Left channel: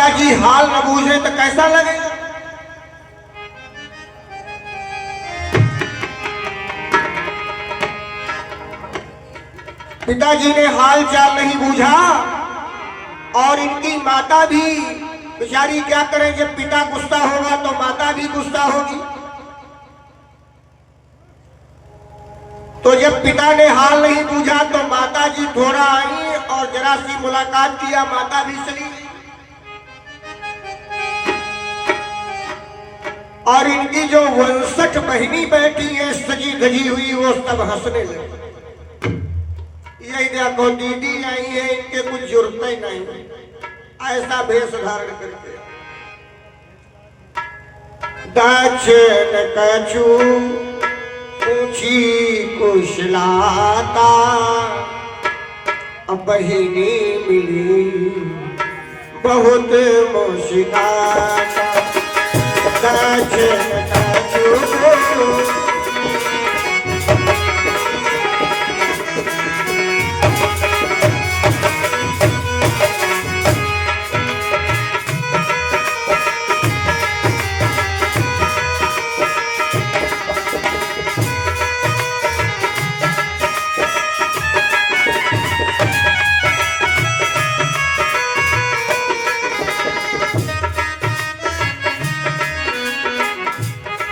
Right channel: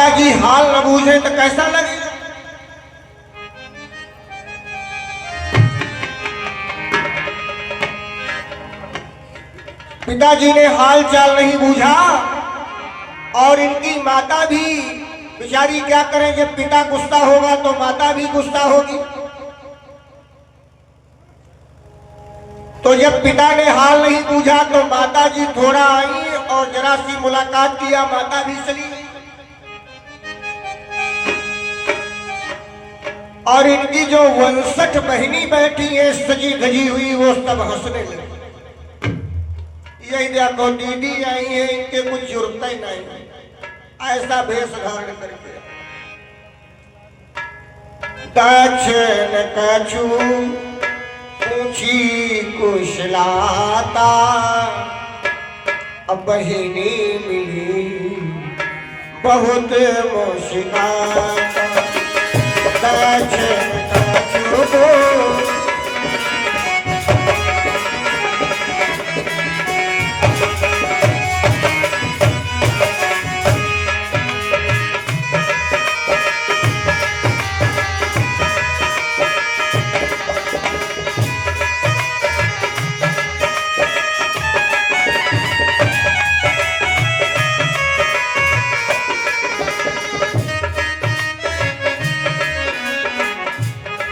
पिताजी हाल न बूझे तो कैसा लगेगा। पिताजी ने हाल चाल नहीं बूझा और इनकी माता भी बेचारी क्या करें, जब पिता गुस्सा होगा तो माता भी गुस्सा होगी। तो जब पिता ने हाल नहीं बूझा तो माता जी थोड़ा आई और जरा सी मुलाकात किया, माता भी चली गई। और इनकी जो 59 बहनी बैठी है सजी धजी हुई, वो सब हंसने लगी। यही देखो दीदी आई है, इनके कुछ जरूरत ही नहीं, ऐसा भेष धारण करके। दक्षिण कछु ऊंची कुशलाता, अब बहिनी मिली बहुत मुश्किल। दक्षिण कछु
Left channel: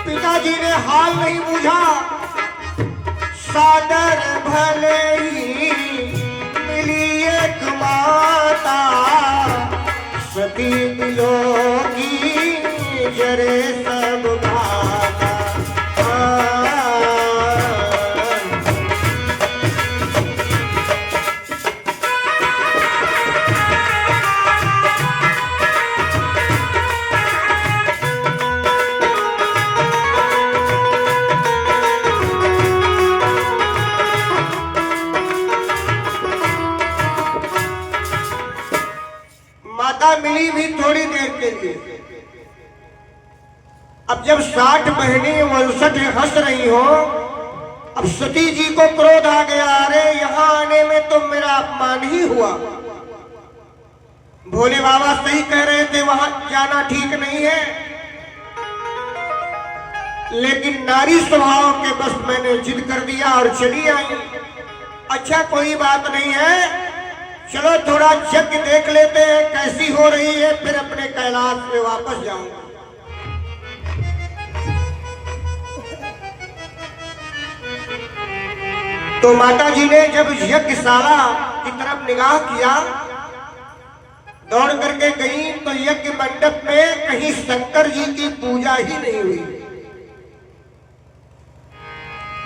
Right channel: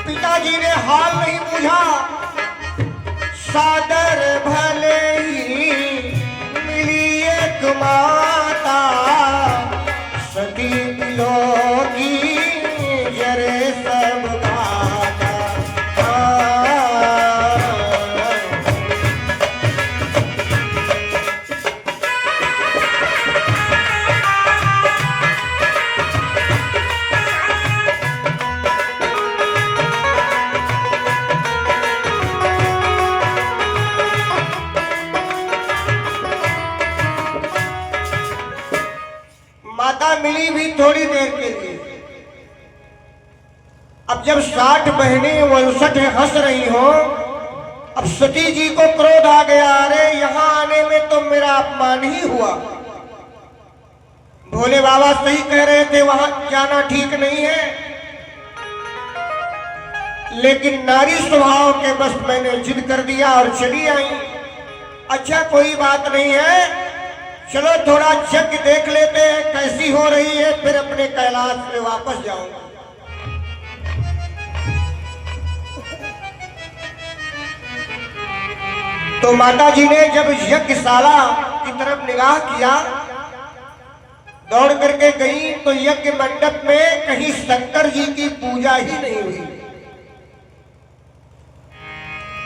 पिताजी ने हाल नहीं बूझा। सादर भले ही मिली एक माता, सती मिलोगी जरे सब माता। माता मिली भी थोड़ी देर के लिए। अब जब 60 बहनें 59 हंस रही हो, अब सती जी को क्रोध आ गया, अरे यहां आने में तो मेरा अपमान ही हुआ। भोले बाबा सही कह रहे थे, वहां जाना ठीक नहीं है, लेकिन नारी स्वभाव के बस मैंने जिद कर दिया और चली आई। अच्छा कोई बात नहीं है, चलो थोड़ा यज्ञ देख लेते हैं कैसी हो रही है, फिर अपने कैलाश में वापस जाऊंगा। तो माता जी ने जब यज्ञशाला की तरफ निगाह किया, दौड़ करके गई तो यज्ञ मंडप में कहीं शंकर जी की पूजा ही नहीं हुई।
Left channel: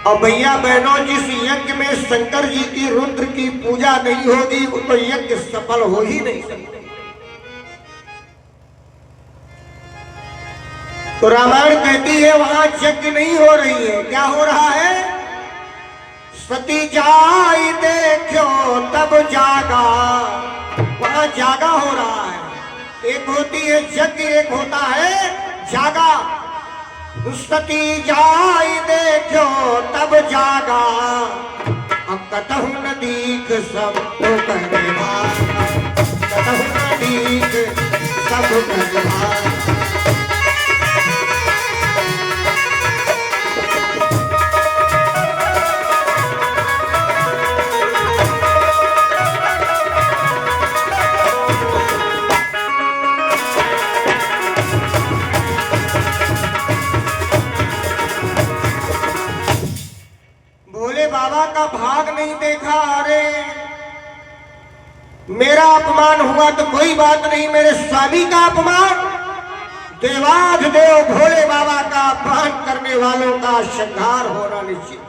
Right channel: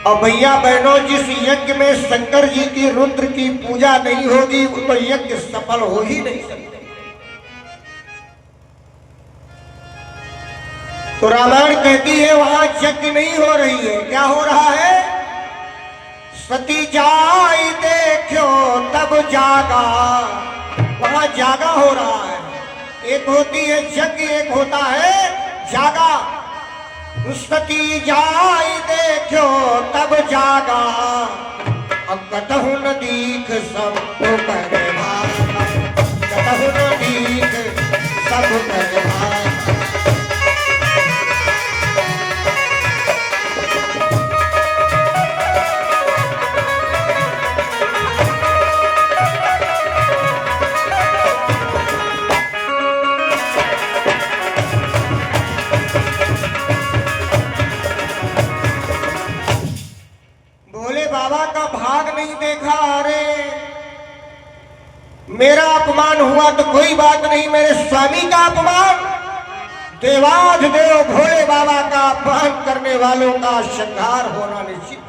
और भैया बहनों, जिस यज्ञ में शंकर जी की रुद्र की पूजा नहीं होगी वो तो यज्ञ सफल हो ही नहीं सकता। तो रामायण कहती है वहां यज्ञ नहीं हो रही है, क्या हो रहा है? सती जाई देखो तब जागा, वहां जागा हो रहा है। एक होती है यज्ञ, एक होता है जागा। सती जाई देखो तब जागा, कतहु न दीख सब कर भाग, कतहु न दीख सब कर भाग। मेरा अपमान हुआ तो कोई बात नहीं, मेरे स्वामी का अपमान, देवाधिदेव भोले बाबा का अपमान करने वालों का संहार होना निश्चित।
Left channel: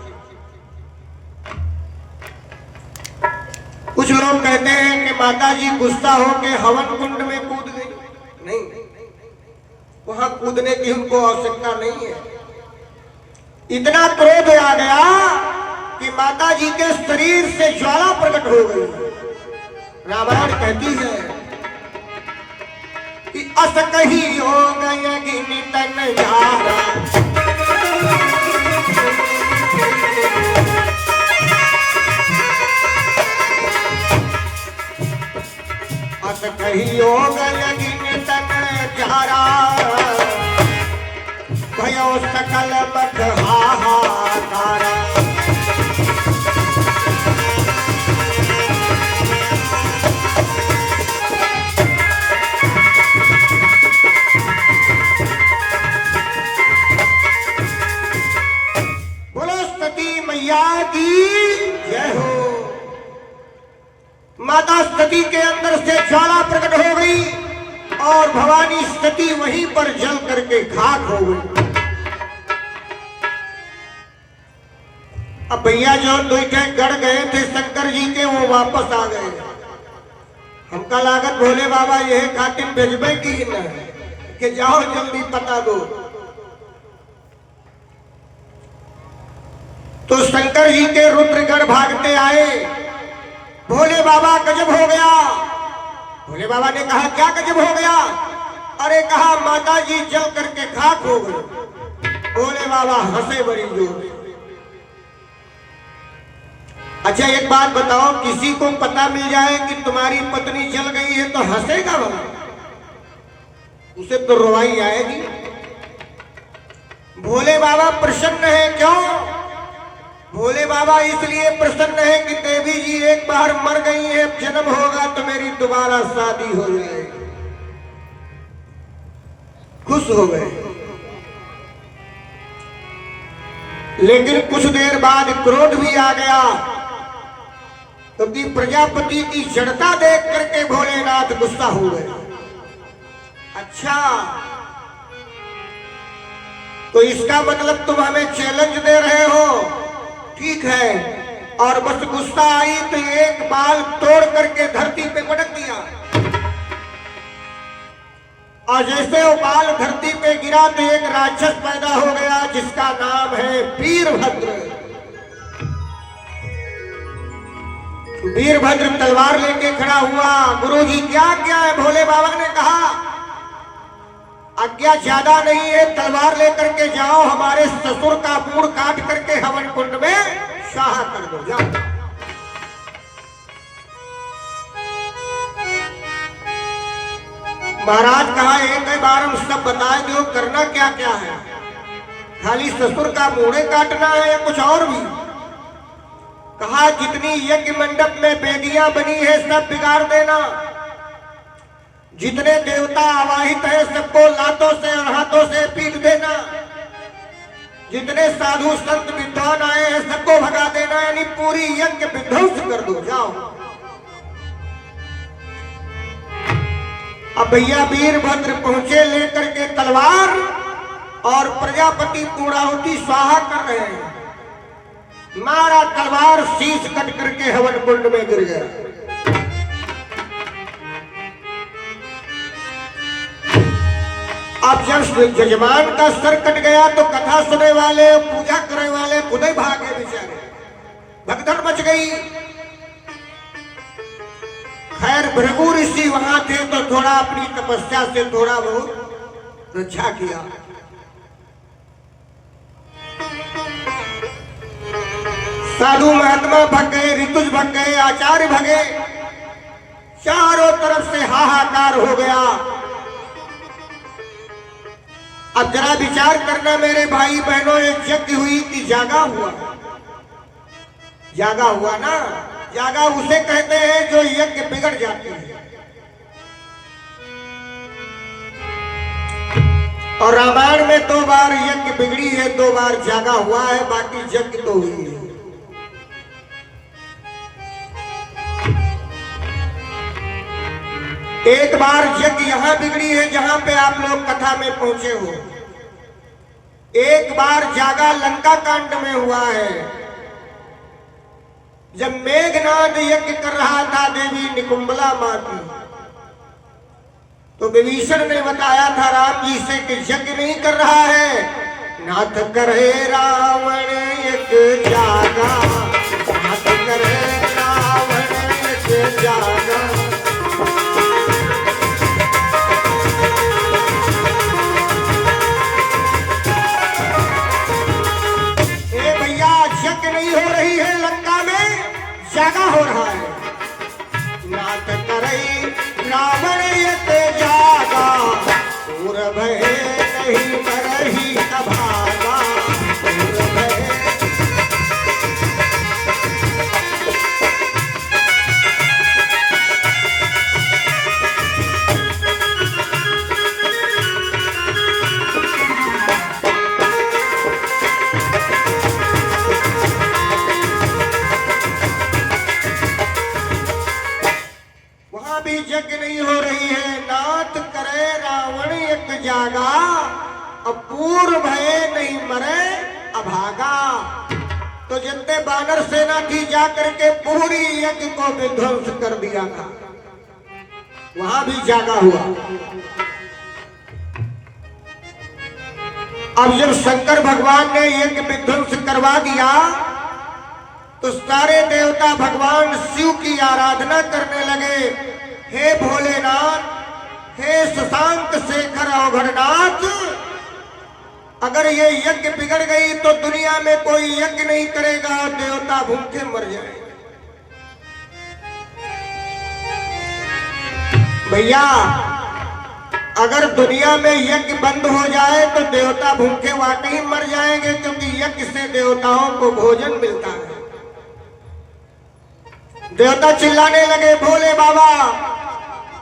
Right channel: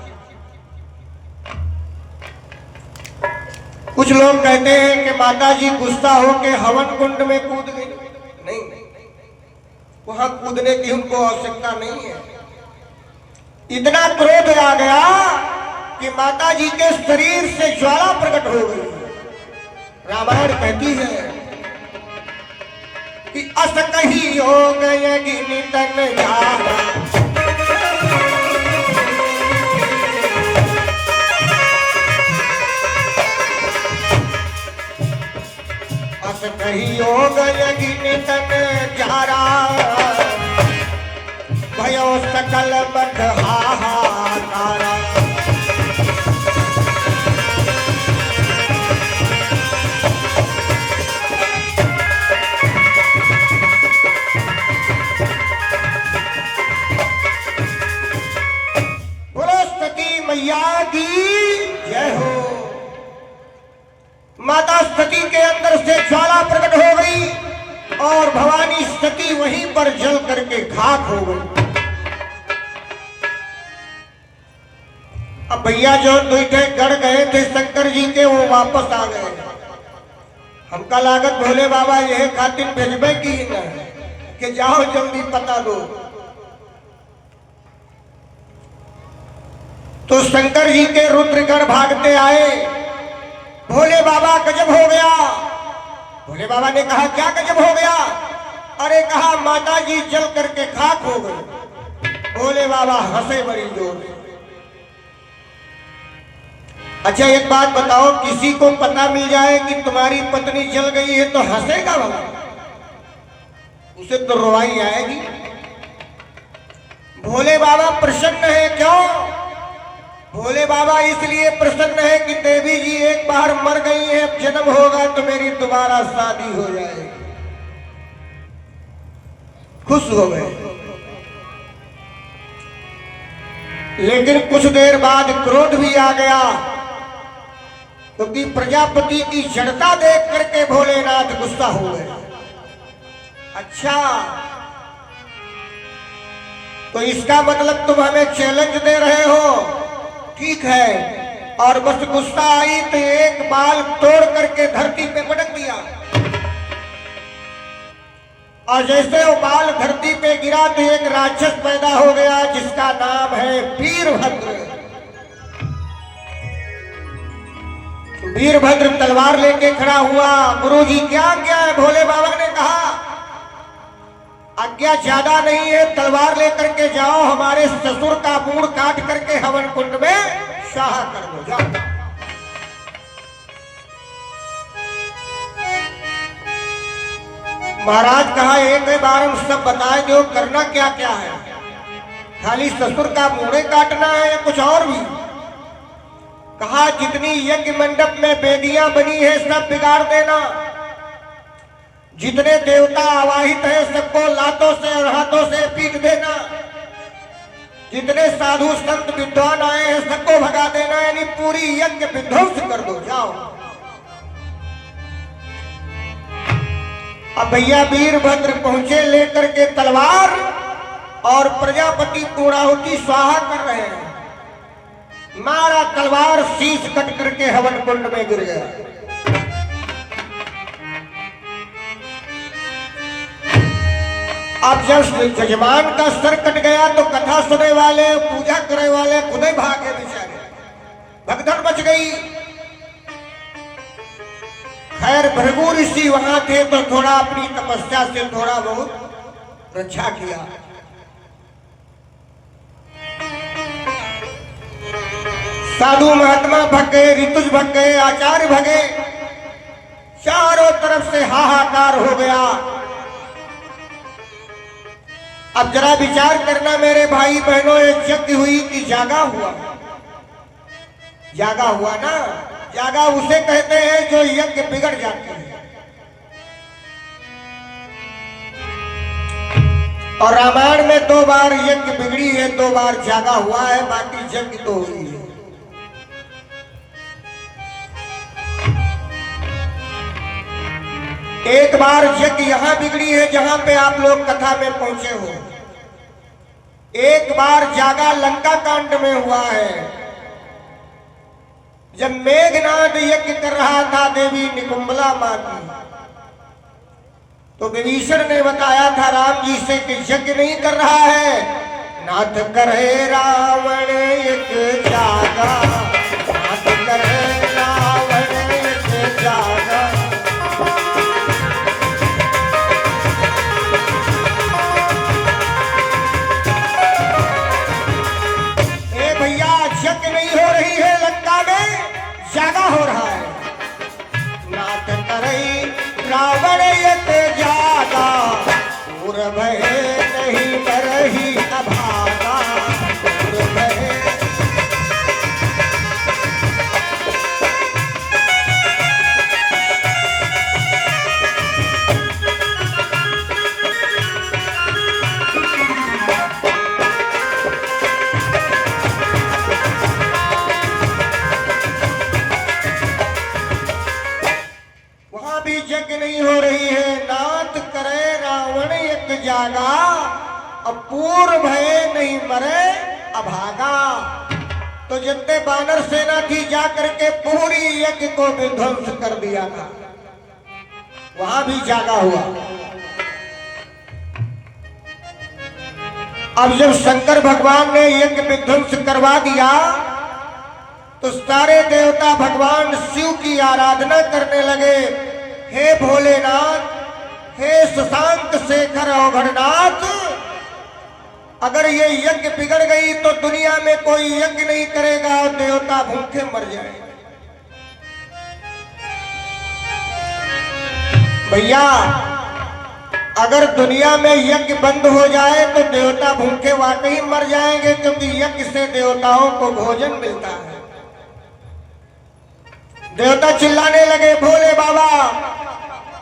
कुछ लोग कहते हैं कि माता जी गुस्सा होके हवन कुंड में कूद गई। नहीं, वहां कूदने की उनको आवश्यकता नहीं है। इतना क्रोध आ गया कि माता जी के शरीर से ज्वाला प्रकट हो गई। रामायण कहती है कि अस कही हो गए नितन यारा, अस कही हो गए नितन सती वहीं पर जल करके खाक हो गई। अब भैया जो दुईठे गढ़ गए थे शंकर जी के, वो वापस आ गए। हमका लागत भोले बाबा यह खातिर भेजबे की न कि जाओ जल्दी पता दो। तो शंकर जी के रुद्रगढ़ भागते आए। भोले बाबा गजब हो गया। भोले बाबा ने कहा क्या गजब हो गया? अरे कहा माता जी जल करके खाक हो गए। भोले बाबा हंसे बड़ी जोर से। अच्छा एक बात बताओ, किसी को पता मिल जाए कि तुम्हारी पत्नी जल गई है तो हंसेगा बाबा? उसे तो रोवाई आएगी। भोले बाबा प्रसन्न है। क्यों? भोले बाबा इसलिए प्रसन्न है कि देवी जी एक बार मर गई है, अब जन्म होगा तो मेरी दोबारा शादी हो जाएगी। खुश हो गए। लेकिन कुछ देर बाद क्रोध भी आ गया, क्योंकि प्रजापति की जड़ता देख करके भोलेनाथ गुस्सा हो गए। अच्छा तो इसका मतलब तुम हमें चैलेंज दे रहे हो? ठीक है। और बस गुस्सा आई तो एक बाल तोड़ करके धरती पे पटक दिया, और जैसे वो बाल धरती पे गिरा तो एक राक्षस पैदा हो गया जिसका नाम है वीरभद्र। वीरभद्र तलवार लेके खड़ा हुआ। गुरुजी क्या क्या है? भोले बाबा ने कहा आज्ञा ज्यादा नहीं है, तलवार लेकर के जाओ, हमारे ससुर का मूड़ काट करके हवन कुंड में शाह कर दो, जाओ। महाराज कहा एक बार हम सब बताए दो करना क्या क्या है? खाली ससुर का मूड़े काटना है, कुछ और भी? कहा जितनी यज्ञ मंडप में बेदियां बनी है सब बिगाड़ देना, जितने देवता आवाहित है सबको लातों से और हाथों से पीट देना, जितने साधु संत विद्वान आए हैं सबको भगा देना, यानी पूरी यज्ञ विध्वंस कर दो, जाओ। अब भैया वीरभद्र पहुंचे लेकर के तलवार, और प्रजापति पूर्णाहुति स्वाहा कर रहे हैं। मारा तलवार, शीश कट करके हवन कुंड में गिर गया। अब जब जजमान का सर कट गया तो कथा सुनने वाले, पूजा करने वाले खुद ही भागे बेचारे, भगदड़ मच गई। खैर भृगु ऋषि वहां थे तो थोड़ा अपनी तपस्या से थोड़ा बहुत रक्षा किया। साधु महात्मा भग गए, ऋतुज भग गए, आचार्य भगे, चारों तरफ से हाहाकार हो गया। अब जरा विचार करना मेरे भाई बहनों, ये यज्ञ हुई कि जागा हुआ? जागा हुआ ना। जागा उसे कहते हैं जो यज्ञ बिगड़ जाते हैं। और रामायण में 2 बार यज्ञ बिगड़ी है, 2 बार जागा हुआ है, बाकी यज्ञ तो हुई है। एक बार यज्ञ यहां बिगड़ी है जहां पे आप लोग कथा में पहुंचे हो। एक बार जागा लंका कांड में हुआ है, जब मेघनाद यज्ञ कर रहा था देवी निकुंबला मां की, तो विभीषण ने बताया था राम जी से कि यज्ञ नहीं कर रहा है, नाथ करे रावण यज्ञ जागा, नाथ करे रावण यज्ञ जागा। जागा हो रहा है, नाथ करे रावण यज्ञ जागा, पूर भय नहीं करही भागा, पूर भय। जागा, अब पूर्व भय नहीं मरे अभागा। तो जितने बानर सेना थी जाकर के पूरी यज्ञ को विध्वंस कर दिया था, वहां भी जागा हुआ। अब जब शंकर भगवान ने यज्ञ विध्वंस करवा दिया तो सारे देवता भगवान शिव की आराधना करने लगे। हे भोलेनाथ, हे शशांक शेखर अवघड़नाथ, अगर ये यज्ञ बिगड़ गई तो दुनिया में कोई यज्ञ नहीं करेगा, देवता भूखे मर जाएंगे। भैया, अगर दुनिया में यज्ञ बंद हो जाए तो देवता भूखे वाकई मर जाएंगे, क्योंकि यज्ञ से देवताओं को भोजन मिलता है। देवता चिल्लाने लगे, भोले बाबा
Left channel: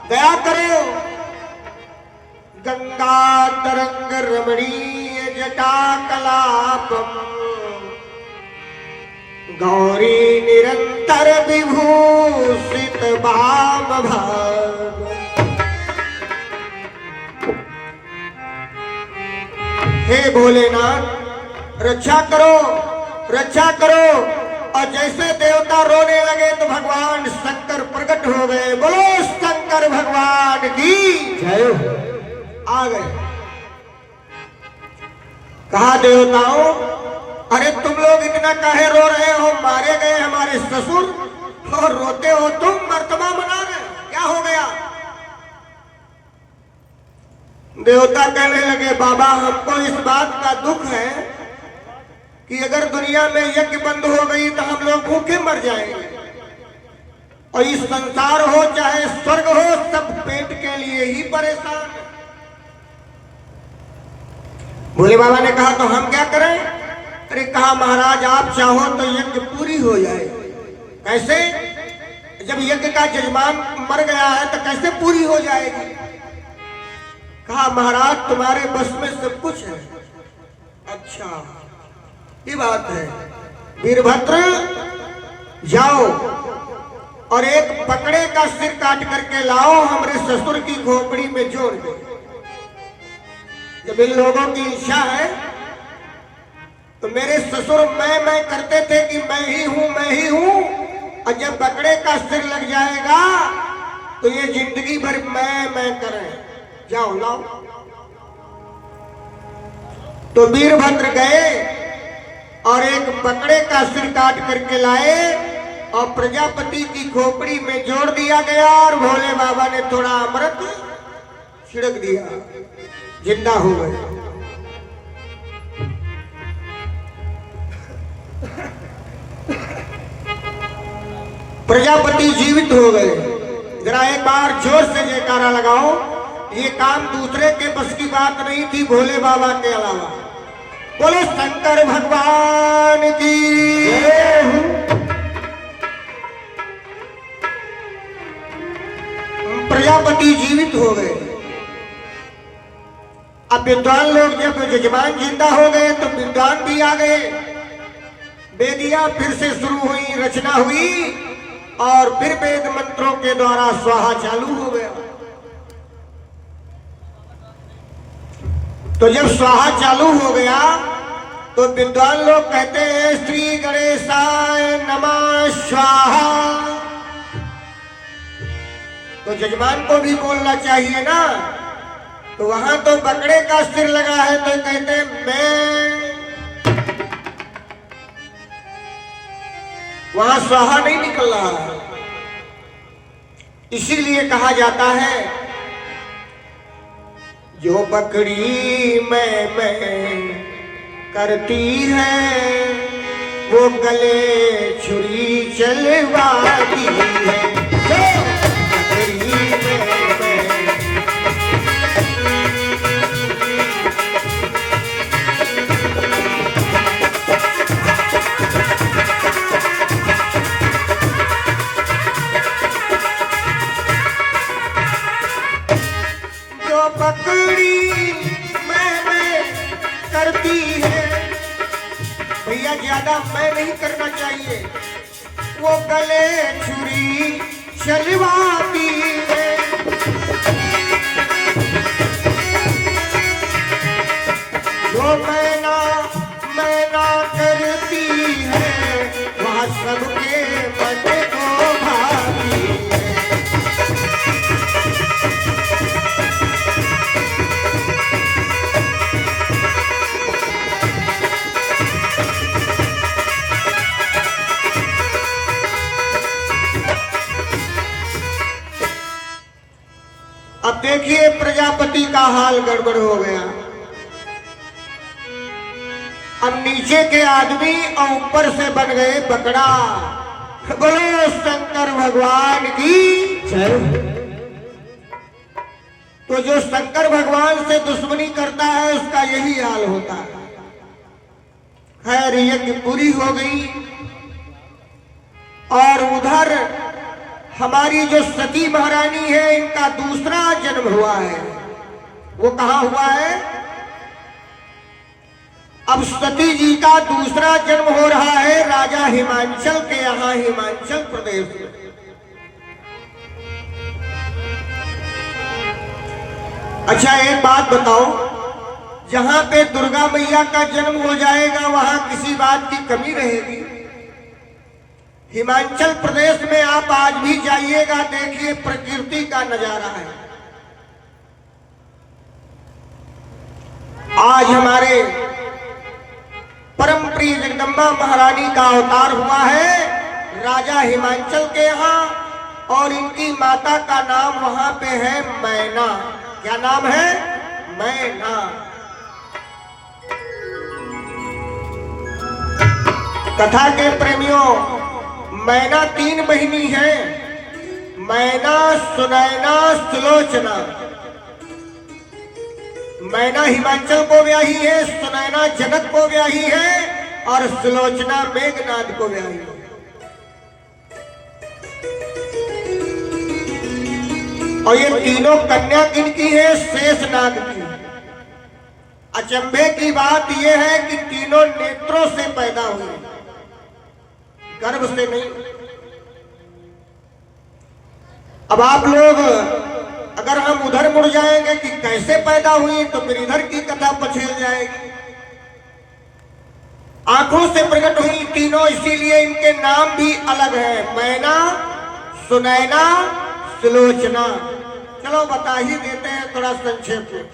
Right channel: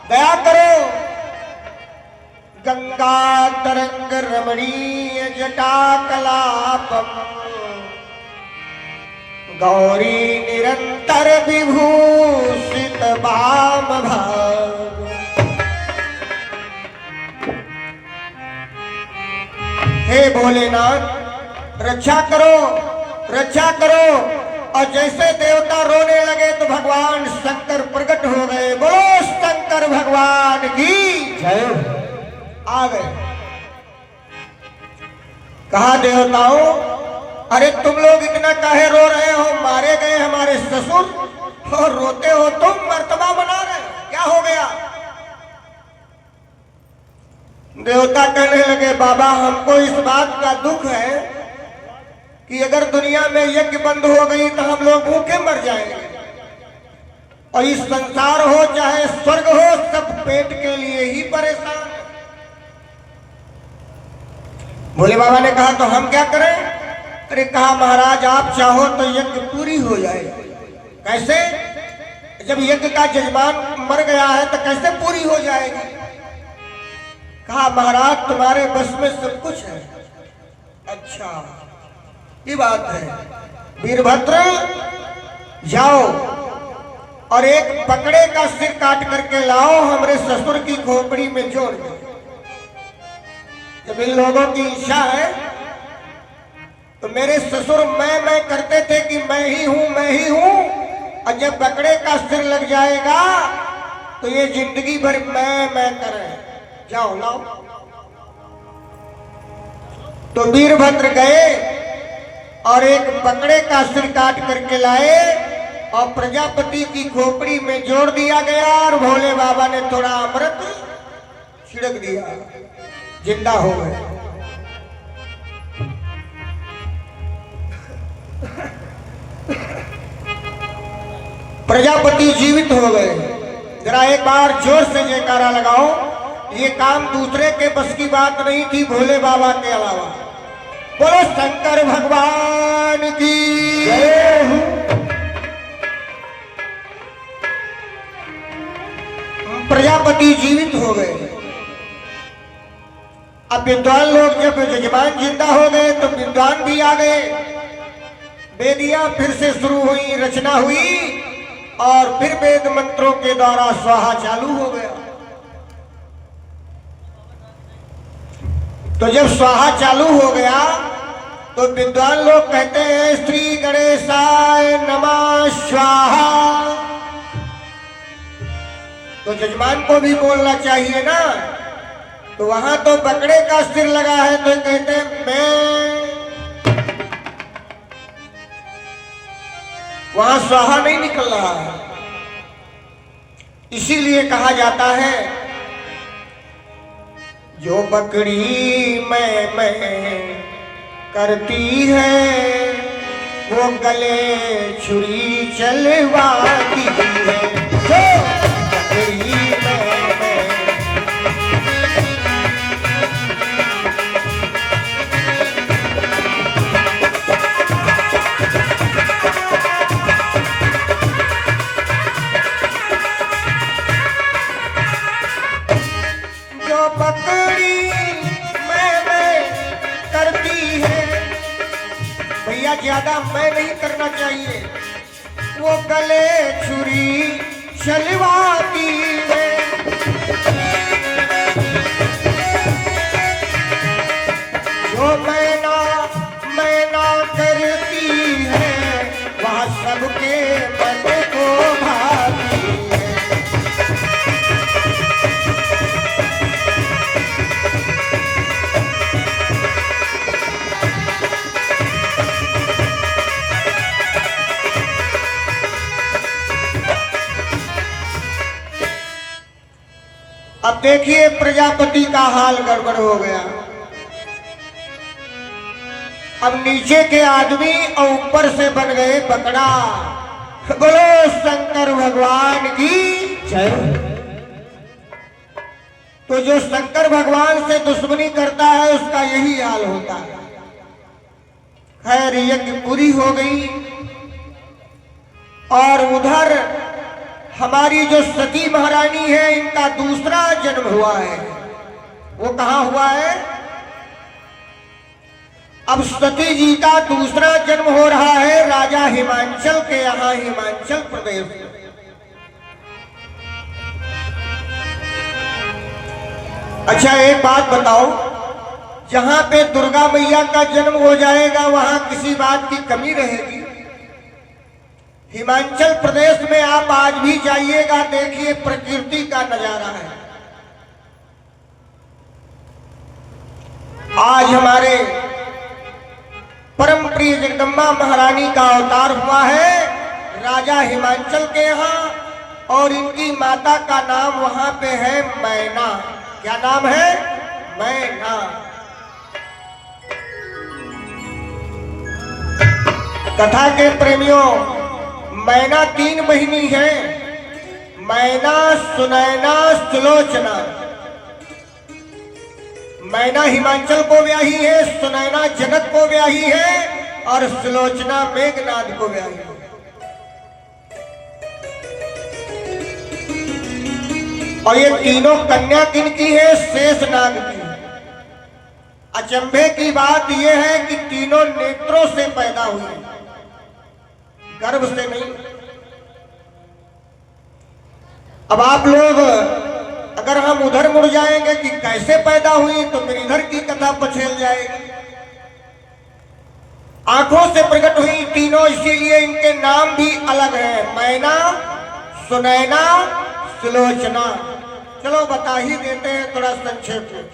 दया करो, गंगा तरंग रमणीय जटा कलापम, गौरी निरंतर विभूषित वाम भाग। हे भोलेनाथ रक्षा करो, रक्षा करो। और जैसे देवता रोने लगे तो भगवान शंकर प्रकट हो गए। बोलो शंकर भगवान की जय। आ गए, कहा देवताओं, अरे तुम लोग इतना काहे रो रहे हो? मारे गए हमारे ससुर और रोते हो तुम, मर्तबा मना रहे, क्या हो गया? देवता कहने लगे, बाबा हमको इस बात का दुख है कि अगर दुनिया में यज्ञ बंद हो गई तो हम लोग भूखे मर जाएंगे, और इस संसार हो चाहे स्वर्ग हो, सब पेट के लिए ही परेशान है। भोले बाबा ने कहा तो हम क्या करें? अरे कहा महाराज आप चाहो तो यज्ञ पूरी हो जाए। कैसे? जब यज्ञ का जजमान मर गया है तो कैसे पूरी हो जाएगी? कहा महाराज तुम्हारे बस में सब कुछ है। अच्छा ये बात है, वीरभद्र जाओ और एक बकरे का सिर काट करके लाओ, हमरे ससुर की खोपड़ी में जोड़ दो। जब इन लोगों की इच्छा है तो मेरे ससुर मैं करते थे कि मैं ही हूं, मैं ही हूं, और जब बकरे का सिर लग जाएगा तो ये जिंदगी भर मैं करें। जाओ लाओ। तो वीरभद्र गए और एक बकरे का सिर काट करके लाए और प्रजापति की खोपड़ी में जोड़ दिया गया, और भोले बाबा ने थोड़ा अमृत छिड़क दिया, जिंदा हो गए। प्रजापति जीवित हो गए। जरा एक बार जोर से जयकारा लगाओ। ये काम दूसरे के बस की बात नहीं थी, भोले बाबा के अलावा। बोलो शंकर भगवान की जय। प्रजापति जीवित हो गए। अब विद्वान लोग जब यजमान जिंदा हो गए तो विद्वान भी आ गए। वेदियां फिर से शुरू हुई, रचना हुई, और फिर वेद मंत्रों के द्वारा स्वाहा चालू हो गया। तो जब स्वाहा चालू हो गया तो विद्वान लोग कहते हैं श्री गणेशाय नमः स्वाहा। तो जजमान को भी बोलना चाहिए ना। तो वहां तो बकरे का सिर लगा है तो कहते हैं मैं, वहां स्वाहा नहीं निकल रहा है। इसीलिए कहा जाता है जो बकरी मैं करती है वो गले छुरी चलवाती है। जो बकरी मैं ज्यादा मैं नहीं करना चाहिए, वो गले छुरी चलवाती है। देखिए प्रजापति का हाल गड़बड़ हो गया। अब नीचे के आदमी और ऊपर से बन गए बकरा। बोलो शंकर भगवान की जय। तो जो शंकर भगवान से दुश्मनी करता है उसका यही हाल होता है। खैर यज्ञ पूरी हो गई और उधर हमारी जो सती महारानी है इनका दूसरा जन्म हुआ है। वो कहाँ हुआ है? अब सती जी का दूसरा जन्म हो रहा है राजा हिमांचल के यहाँ, हिमांचल प्रदेश में। अच्छा एक बात बताओ, जहां पे दुर्गा मैया का जन्म हो जाएगा वहां किसी बात की कमी रहेगी? हिमाचल प्रदेश में आप आज भी जाइएगा, देखिए प्रकृति का नजारा है। आज हमारे परम प्रिय जगदम्बा महारानी का अवतार हुआ है राजा हिमांचल के यहाँ, और इनकी माता का नाम वहां पे है मैना। क्या नाम है? मैना। कथा के प्रेमियों, मैना 3 बहिनी है, मैना, सुनैना, सुलोचना। मैना हिमांचल को ब्याही है, सुनैना जनक को ब्याही है और सुलोचना मेघनाद को ब्याही है। और ये तीनों कन्या किनकी है? शेषनाग की। अचंभे की बात यह है कि तीनों नेत्रों से पैदा हुए, गर्भ से नहीं। अब आप लोग अगर हम उधर मुड़ जाएंगे कि कैसे पैदा हुई तो फिर इधर की कथा पछेल जाएगी। आंखों से प्रकट हुई तीनों, इसीलिए इनके नाम भी अलग है, मैना, सुनैना, सुलोचना। चलो बता ही देते हैं थोड़ा संक्षेप में।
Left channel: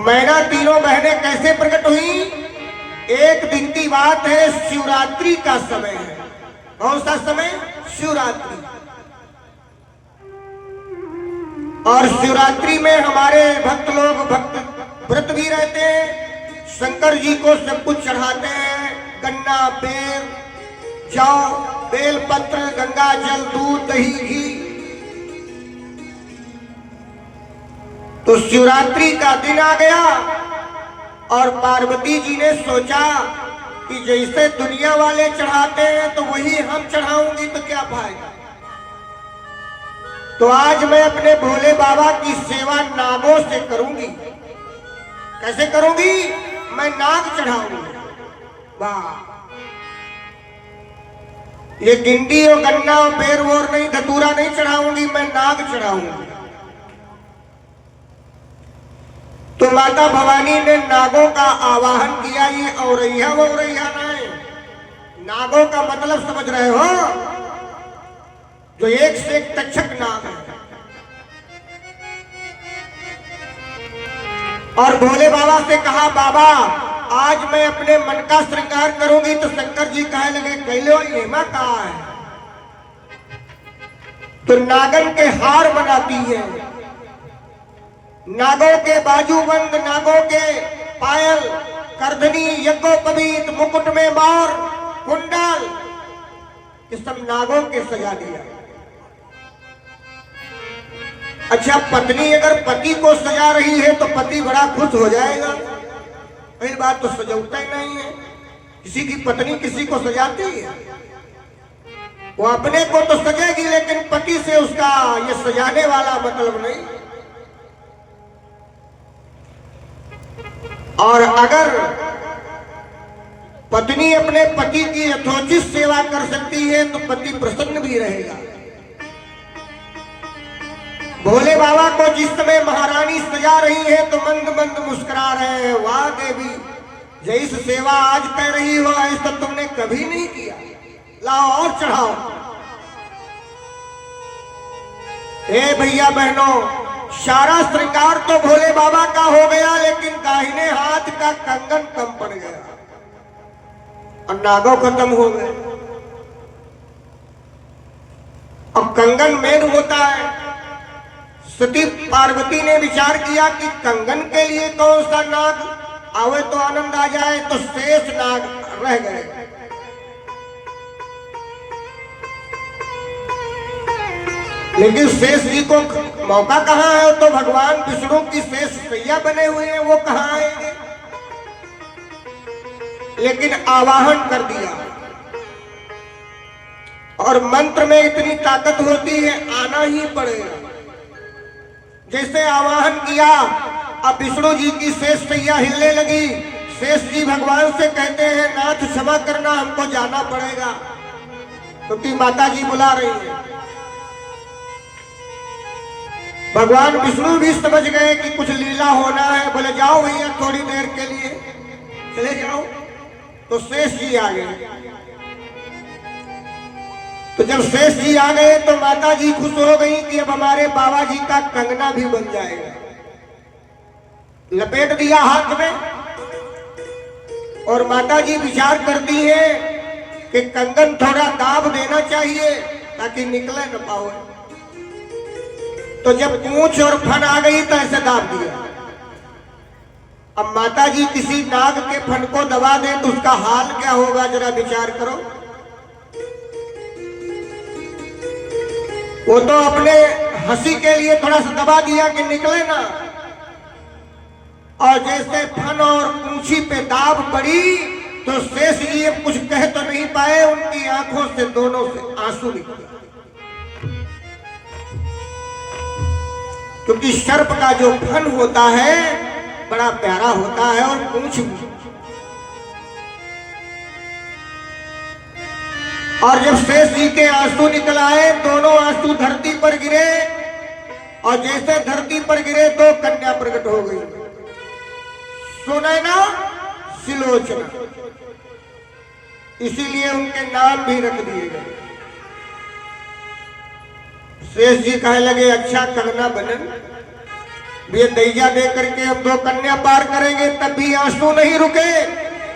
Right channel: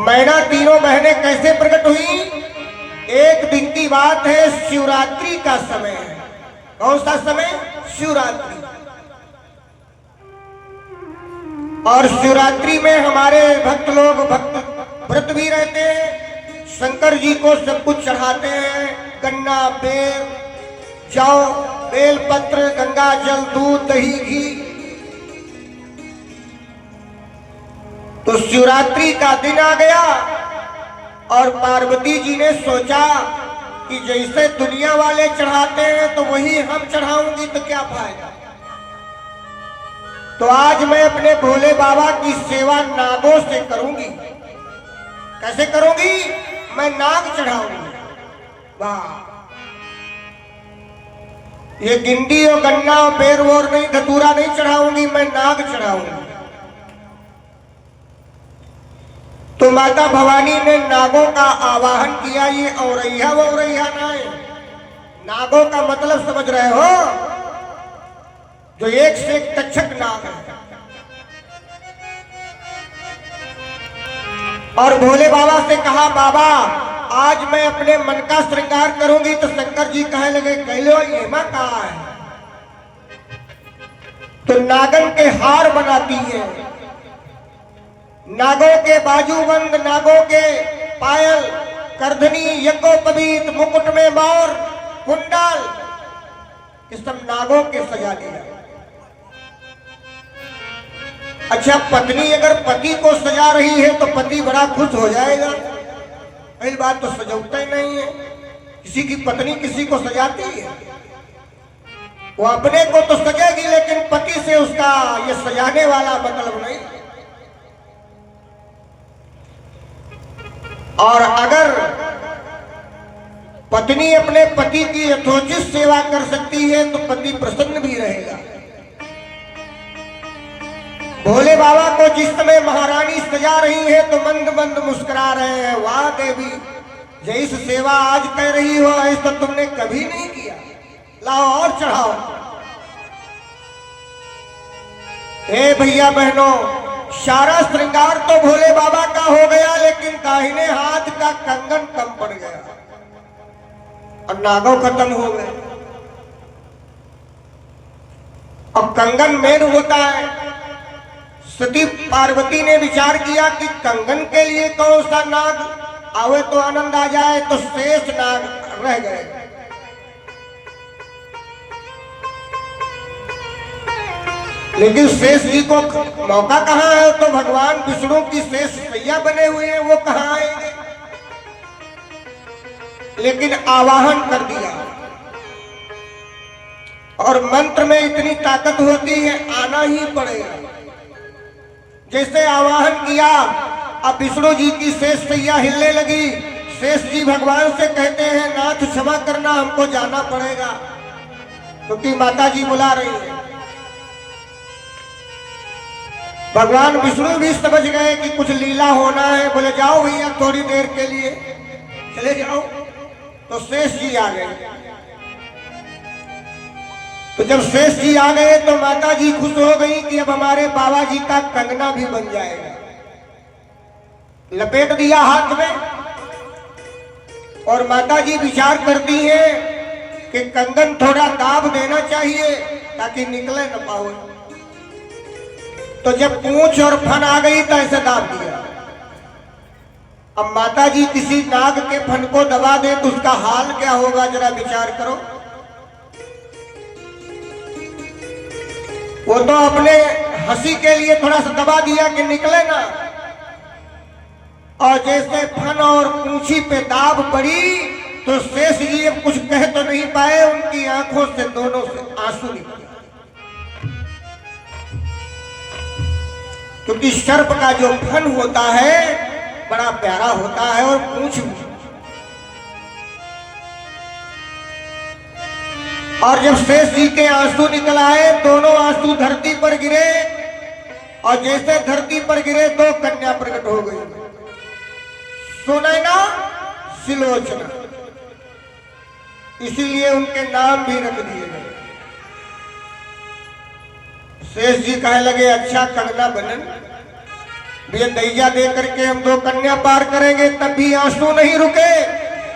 मैना तीनों बहनें कैसे प्रकट हुई? एक दिन की बात है, शिवरात्रि का समय है। कौन सा समय? शिवरात्रि। और शिवरात्रि में हमारे भक्त लोग भक्त व्रत भी रहते हैं, शंकर जी को सब कुछ चढ़ाते हैं, गन्ना, बेल, जौ, बेल पत्र, गंगा जल, दूध, दही, घी। तो शिवरात्रि का दिन आ गया और पार्वती जी ने सोचा कि जैसे दुनिया वाले चढ़ाते हैं तो वही हम चढ़ाऊंगी तो क्या फायदा। तो आज मैं अपने भोले बाबा की सेवा नागों से करूंगी। कैसे करूंगी? मैं नाग चढ़ाऊंगी। वाह! ये गिंडी और गन्ना और बेर वोर नहीं, धतूरा नहीं चढ़ाऊंगी, मैं नाग चढ़ाऊंगी। तो माता भवानी ने नागों का आवाहन किया। ये औरैया वो औरैया ना है, नागों का मतलब समझ रहे हो? जो एक से एक तक्षक नाग है। और भोले बाबा से कहा, बाबा आज मैं अपने मन का श्रृंगार करूंगी। तो शंकर जी कहे लगे, कैलो ये मां कहा है? तो नागन के हार बनाती है, नागों के बाजूबंद, नागों के पायल, करधनी, यज्ञोपवीत, मुकुट में मोर, कुंडल, ये सब नागों के सजा दिया। अच्छा, पत्नी अगर पति को सजा रही है तो पति बड़ा खुश हो जाएगा। पहली बात तो सजाता ही नहीं है, किसी की पत्नी किसी को सजाती है? वो अपने को तो सजेगी लेकिन पति से उसका ये सजाने वाला मतलब नहीं। और अगर पत्नी अपने पति की यथोचित सेवा कर सकती है तो पति प्रसन्न भी रहेगा। भोले बाबा को जिस समय महारानी सजा रही है तो मंद मंद मुस्कुरा रहे हैं। वाह देवी, जैसे सेवा आज कर रही हो ऐसा तुमने कभी नहीं किया, लाओ और चढ़ाओ। ए भैया बहनों, सारा श्रृंगार तो भोले बाबा का हो गया लेकिन दाहिने हाथ का कंगन कम पड़ गया और नागों खत्म हो गए। और कंगन मेन होता है। सती पार्वती ने विचार किया कि कंगन के लिए कौन सा नाग आवे तो आनंद आ जाए, तो शेष नाग रह गए। लेकिन शेष जी को मौका कहाँ है, तो भगवान विष्णु की शेष सैया बने हुए हैं, वो कहाँ आएंगे। लेकिन आवाहन कर दिया, और मंत्र में इतनी ताकत होती है, आना ही पड़ेगा। जैसे आवाहन किया, अब विष्णु जी की शेष सैया हिलने लगी। शेष जी भगवान से कहते हैं, नाथ क्षमा करना, हमको जाना पड़ेगा, क्योंकि माता जी बुला रही है। भगवान विष्णु भी समझ गए कि कुछ लीला होना है। बोले जाओ भैया, थोड़ी देर के लिए चले जाओ। तो शेष जी आ गए। तो जब शेष जी आ गए तो माता जी खुश हो गई कि अब हमारे बाबा जी का कंगना भी बन जाएगा। लपेट दिया हाथ में, और माता जी विचार करती है कि कंगन थोड़ा दाब देना चाहिए ताकि निकले न पाओ। तो जब पूंछ और फन आ गई तो ऐसे दाब दिया। अब माता जी किसी नाग के फन को दबा दे तो उसका हाल क्या होगा, जरा विचार करो। वो तो अपने हंसी के लिए थोड़ा सा दबा दिया कि निकले ना, और जैसे फन और पूंछी पे दाब पड़ी तो शेष जी अब कुछ कह तो नहीं पाए, उनकी आंखों से दोनों से आंसू निकले। क्योंकि सर्प का जो फन होता है बड़ा प्यारा होता है, और पूंछ भी। और जब शेष जी के आंसू निकल आए, दोनों आंसू धरती पर गिरे, और जैसे धरती पर गिरे तो कन्या प्रकट हो गई, सुनैना सिलोचना। इसीलिए उनके नाम भी रख दिए गए। शेष जी कहने लगे, अच्छा कंगना बनन, ये दैया दे करके हम दो कन्या पार करेंगे। तब भी आंसू नहीं रुके,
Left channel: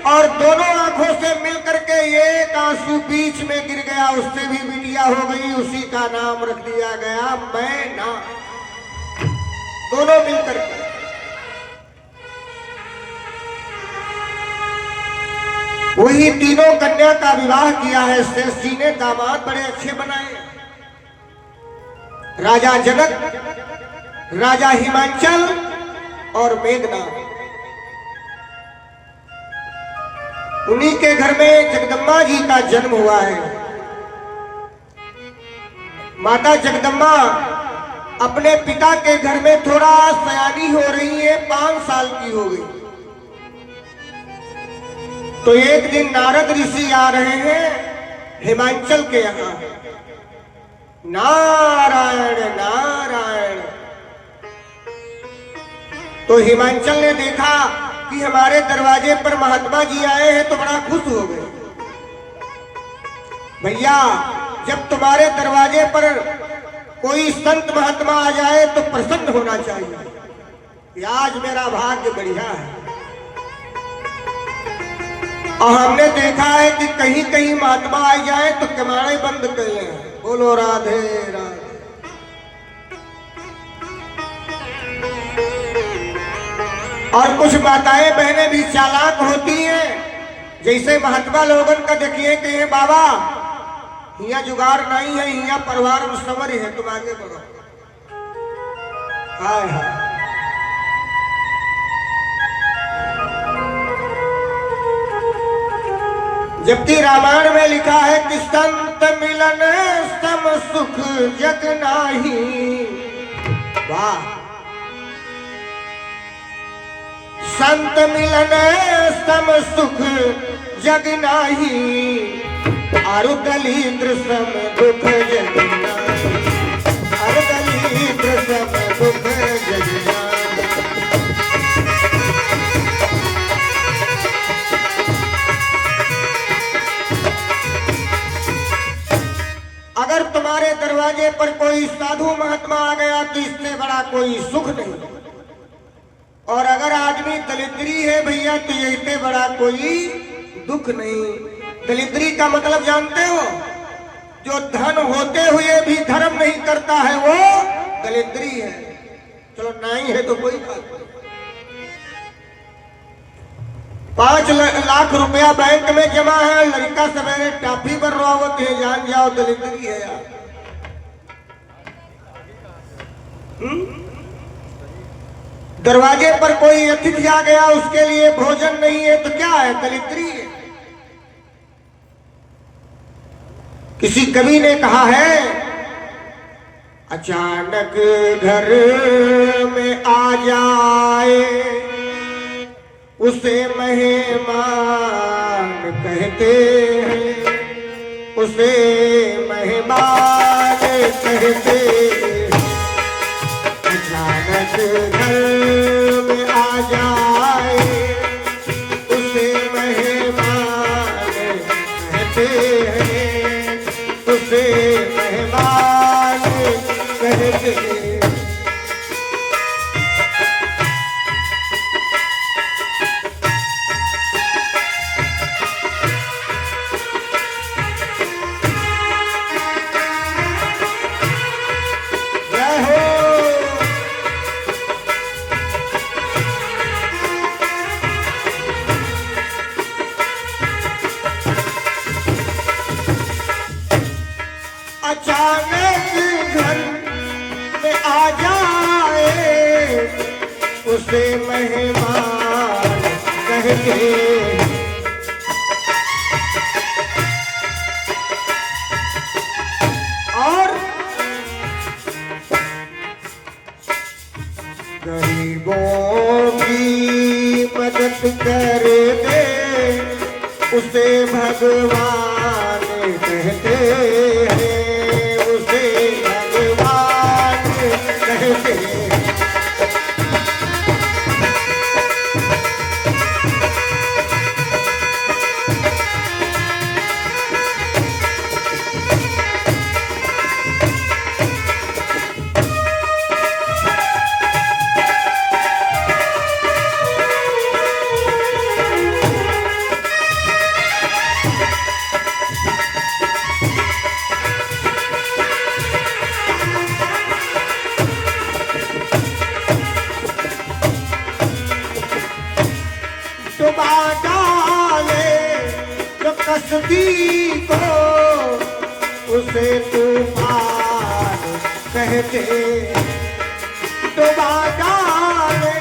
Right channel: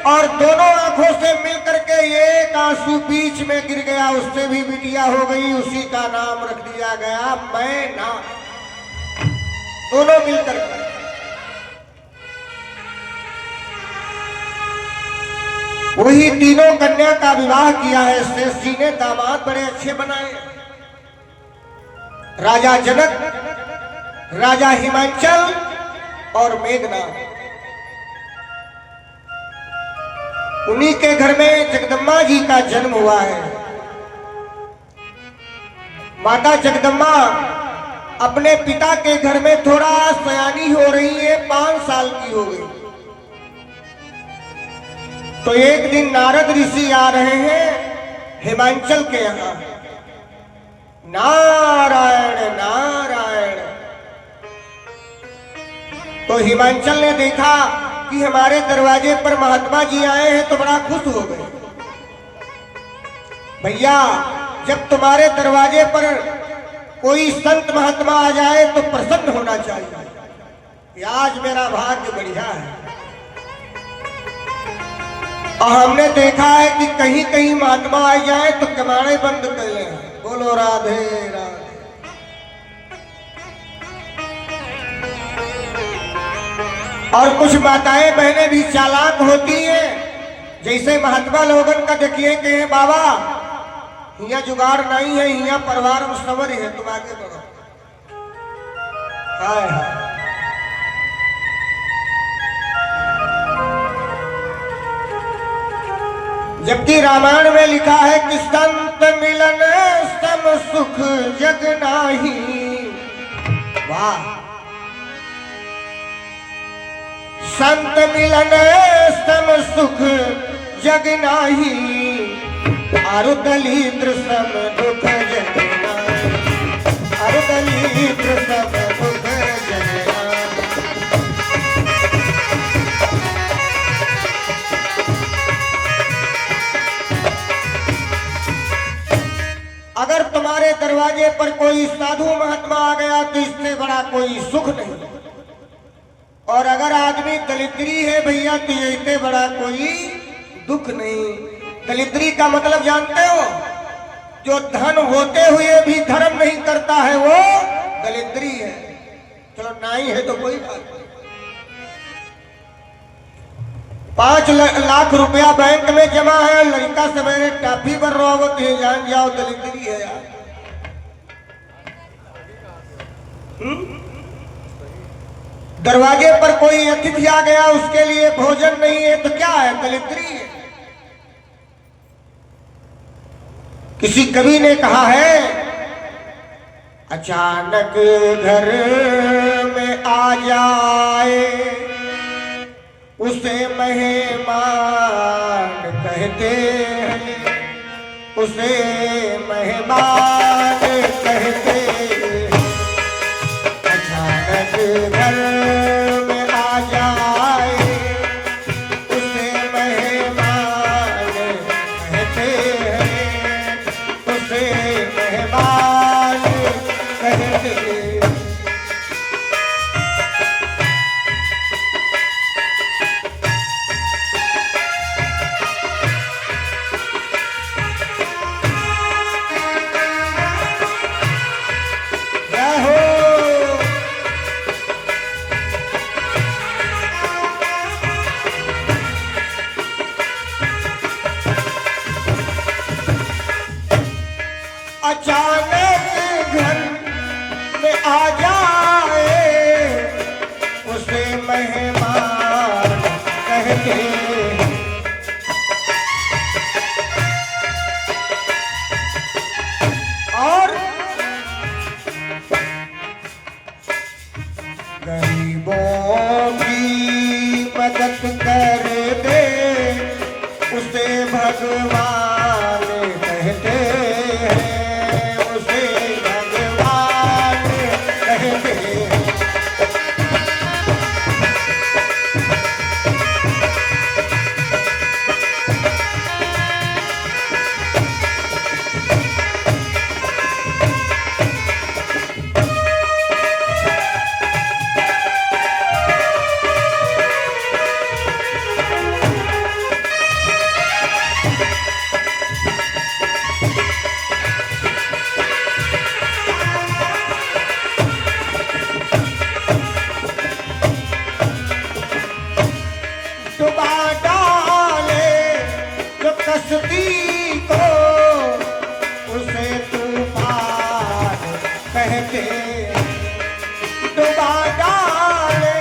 और दोनों आंखों से मिलकर के एक आंसू बीच में गिर गया, उससे भी बिटिया हो गई। उसी का नाम रख दिया गया मैना। दोनों मिलकर के वही तीनों कन्या का विवाह किया है शेष जी ने। दामाद बड़े अच्छे बनाए, राजा जनक, राजा हिमांचल और मेघनाथ। उन्हीं के घर में जगदम्बा जी का जन्म हुआ है। माता जगदम्बा अपने पिता के घर में थोड़ा सयानी हो रही है, 5 साल की हो गई। तो एक दिन नारद ऋषि आ रहे हैं हिमांचल के यहां। नारायण नारायण। तो हिमांचल ने देखा कि हमारे दरवाजे पर महात्मा जी आए हैं, तो बड़ा खुश हो गए। भैया, जब तुम्हारे दरवाजे पर कोई संत महात्मा आ जाए तो प्रसन्न होना चाहिए कि आज मेरा भाग्य बढ़िया है। और हमने देखा है कि कहीं कहीं महात्मा आ जाए तो कमाने बंद कर ले। बोलो राधे राधे। और कुछ माताएं बहनें भी चालाक होती हैं। जैसे महात्मा लोगन का देखिए कि बाबा यहाँ जुगाड़ नहीं है, यहाँ परिवार मुसवर है, तुम आगे बढ़ो। हाय हाय। जबकि रामायण में लिखा है कि संत मिलन सम सुख जग नाही। वाह। संत मिलन सम सुख जग नाही, आरु दलिद्र सम दुख जग नाही। आरु दलिद्र सम दुख जग नाही। अगर तुम्हारे दरवाजे पर कोई साधु महात्मा आ गया तो इससे बड़ा कोई सुख नहीं। और अगर आदमी दलिद्री है भैया तो इससे बड़ा कोई दुख नहीं। दलिद्री का मतलब जानते हो? जो धन होते हुए भी धर्म नहीं करता है वो दलिद्री है। चलो नहीं है तो कोई बात नहीं। 5 लाख रुपया बैंक में जमा है, लड़का सवेरे टाफी पर रोवत है, जान जाओ दलिद्री है यार। दरवाजे पर कोई अतिथि आ गया, उसके लिए भोजन नहीं है तो क्या है? दलिद्री है। किसी कवि ने कहा है, अचानक घर में आ जाए उसे मेहमान कहते हैं, उसे मेहमान कहते हैं। अचानक घर में आ जाए उसे मेहमान कहते हैं, उसे मेहमान कहते हैं। उसे मेहमान कहते हैं। और गरीबों की मदद कर दे उसे भगवान कहते हैं, उसे भगवान कहते हैं। कसदी को उसे तूफान कहते, डुबा डाले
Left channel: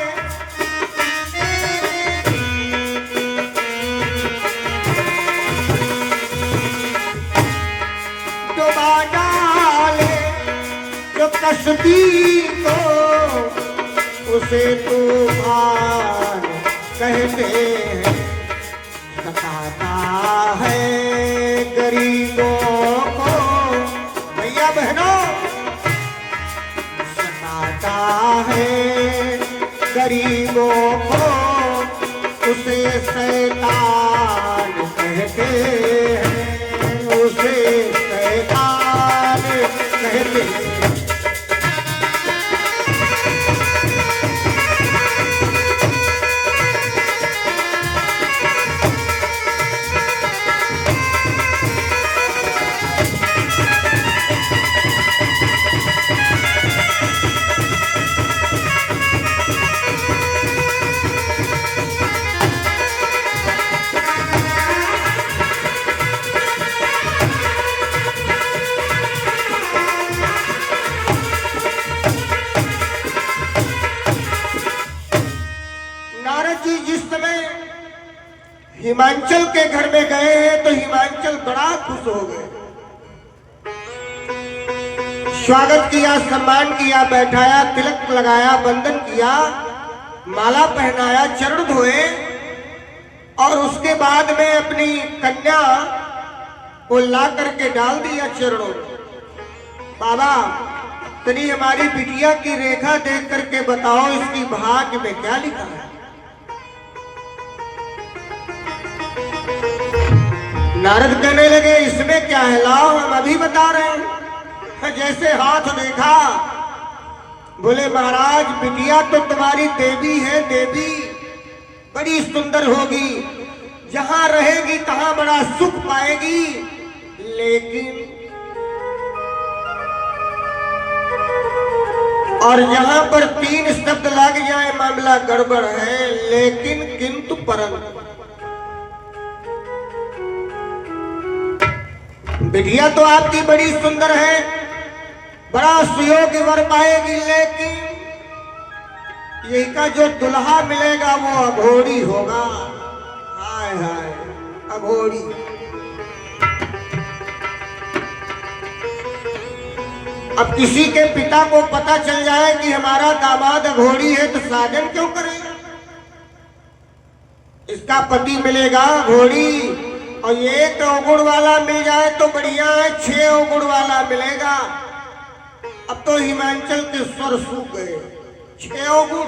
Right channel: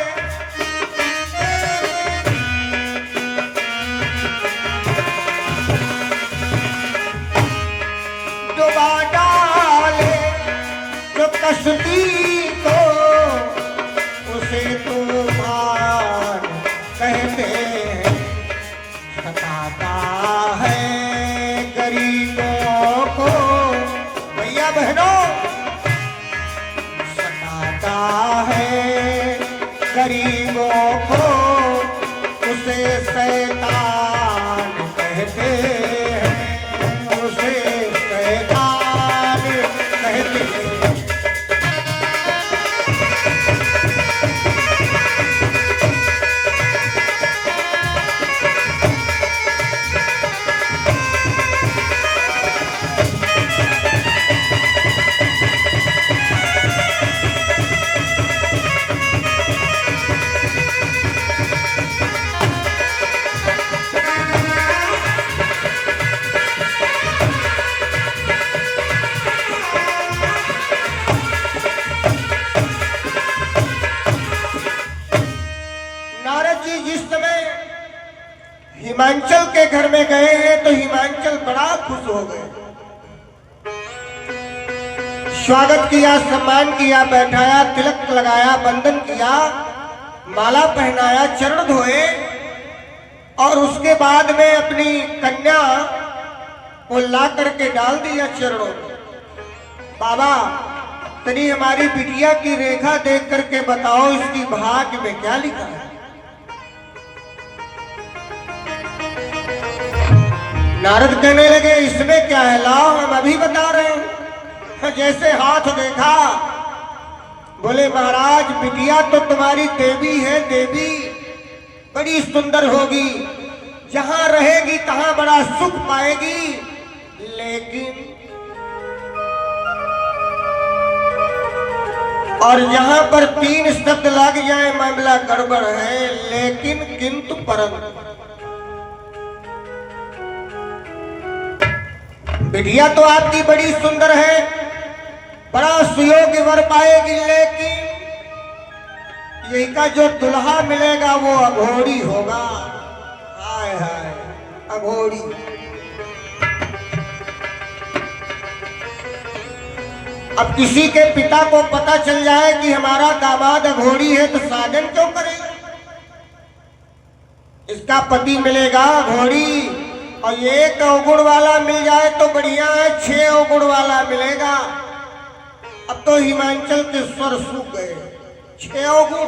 डुबा डाले जो कसदी को उसे तूफान कहते हैं। सताता है गरीबों को, भैया बहनों, सताता है गरीबों को उसे शैतान कहते हैं, उसे शैतान कहते हैं। हिमांचल के घर में गए हैं तो हिमांचल बड़ा खुश हो गए। स्वागत किया, सम्मान किया, बैठाया, तिलक लगाया, बंधन किया, माला पहनाया, चरण धोए और उसके बाद में अपनी कन्या को ला करके डाल दिया चरणों में। बाबा तनी हमारी बिटिया की रेखा देख करके बताओ इसकी भाग्य में क्या लिखा है। नारद कहने लगे इसमें क्या है, लाओ हम अभी बता रहे हैं। जैसे हाथ देखा, बोले महाराज बिटिया तो तुम्हारी देवी है, देवी बड़ी सुंदर होगी, जहां रहेगी तहां बड़ा सुख पाएगी, लेकिन और जहां पर 3 शब्द लग जाए मामला गड़बड़ है। लेकिन किंतु परंतु बिटिया तो आपकी बड़ी सुंदर है, बड़ा सुयोग्य वर पाएगी, लेकिन यही का जो दुल्हा मिलेगा वो अघोरी होगा। हाय हाय अघोरी। अब किसी के पिता को पता चल जाए कि हमारा दामाद अघोरी है तो साजन क्यों करेगा? इसका पति मिलेगा अघोरी, और एक अवगुण वाला मिल जाए तो बढ़िया है, 6 अवगुण वाला मिलेगा। अब तो हिमाचल के स्वर सूख गए, 6 अवगुण।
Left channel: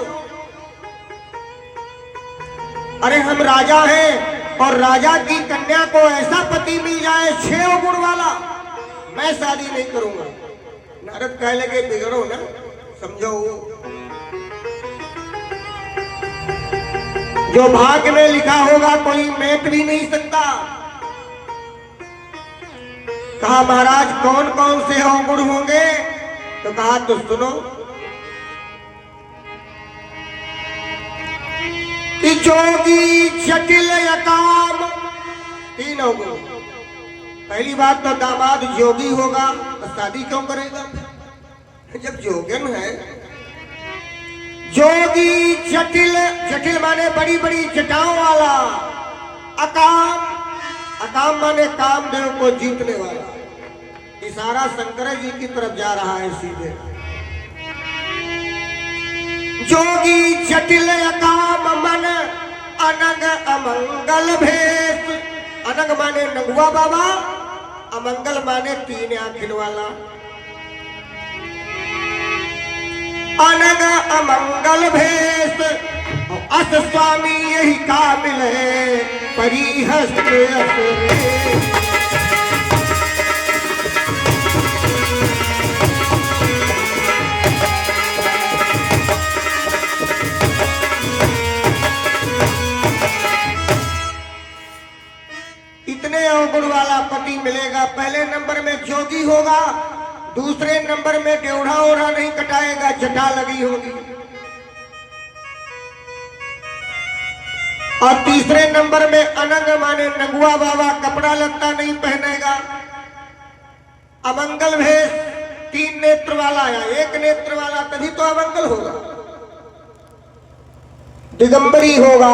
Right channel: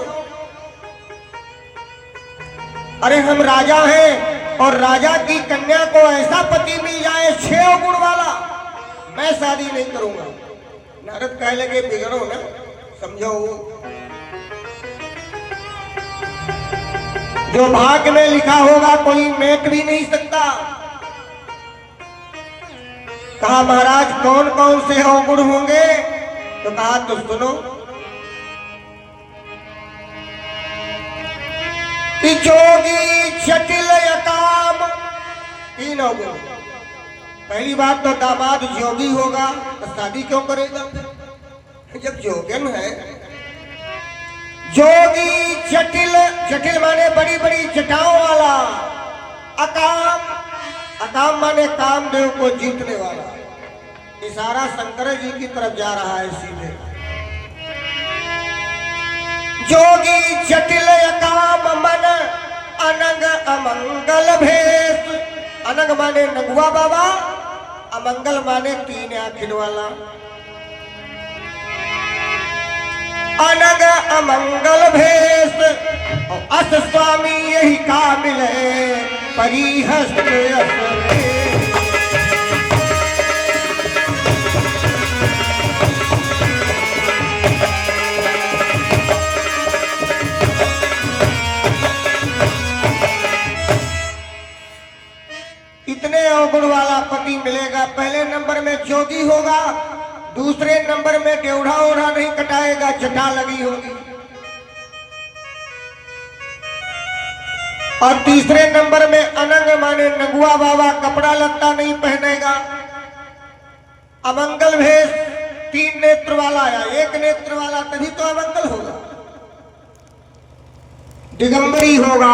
अरे हम राजा हैं और राजा की कन्या को ऐसा पति मिल जाए 6 अवगुण वाला, मैं शादी नहीं करूंगा। नारद कह लगे बिगड़ो ना, समझो जो भाग्य में लिखा होगा कोई मेट भी नहीं सकता। कहा महाराज कौन कौन से अवगुण होंगे? तो कहा तो सुनो कि जोगी जटिल अकाम, 3 अवगुण। पहली बात तो दामाद जोगी होगा तो शादी क्यों करेगा जब जोगन है। जोगी जटिल, जटिल माने बड़ी बड़ी जटाओं वाला। अकाम, अकाम माने कामदेव को जीतने वाला। इशारा शंकर जी की तरफ जा रहा है सीधे। जोगी जटिल अकाम मन अनंग अमंगल भेष। अनंग माने नगुआ बाबा, अमंगल माने 3 आँखिन वाला। अनंग अमंगल भेष अस स्वामी यही काबिल है परिहस्त असरे। इतने अवगुण वाला पति मिलेगा। पहले नंबर में जोगी होगा, दूसरे नंबर में डेढ़ा ओढ़ा नहीं कटाएगा, जटा लगी होगी, और तीसरे नंबर में अनंग माने नगुआ बाबा, कपड़ा लत्ता नहीं पहनेगा। अमंगल भेष 3 नेत्र वाला या 1 नेत्र वाला, तभी तो अमंगल होगा। दिगंबरी होगा।